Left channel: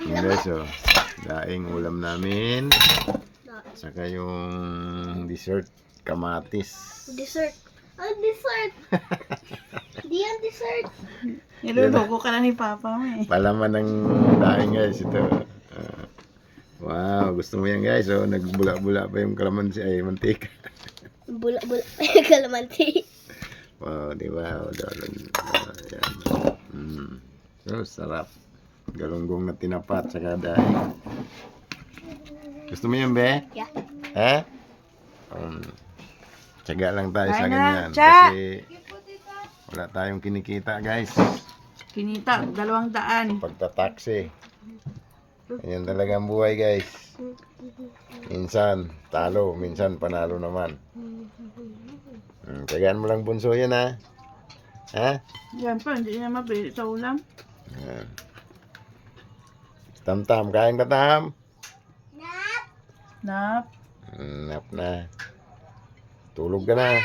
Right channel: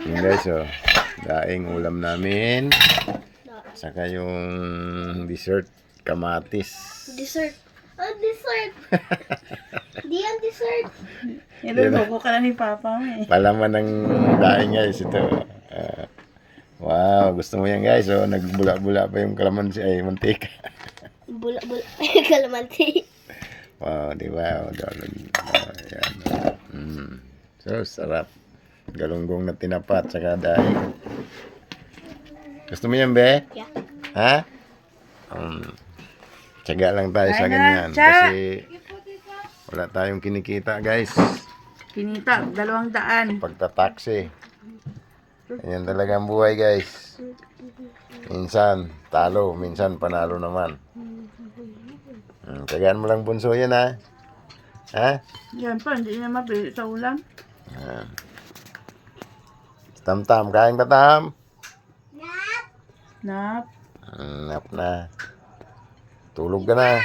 Yun guys, oh. Daing ulam namin. Saka yung dessert, kamatis. Dessert. Oh, dessert. Di yan dessert. Niloloko ka na ni Papa mo eh. Palaman ng daing guys, ito. Wow, gusto mo yan guys, oh. Nagbula-bula pa yung kalamansi, ay mantika. Bula-bula. Kalamansi. Wow, di ba? Oh, yan. So, sarap. Galunggong na tinapat, saka daing. Gusto mo yan, be? Yeah. Ha? Tiyaga lang tayo sa Kain na, ganyan. Tsa! Kasi wala tayong kinikita, guys. Kinita, 200. Pagtataksi. Ganyan talaga ang buhay, guys. Minsan, talo. Minsan, panalo naman. Tiyagaan mo lang bunso yan, ha? Ha? Yan pa, hindi na mabili sa ulam. Tam-tam, kain ka, Tam? Nap. Nap na. Tulog ka na.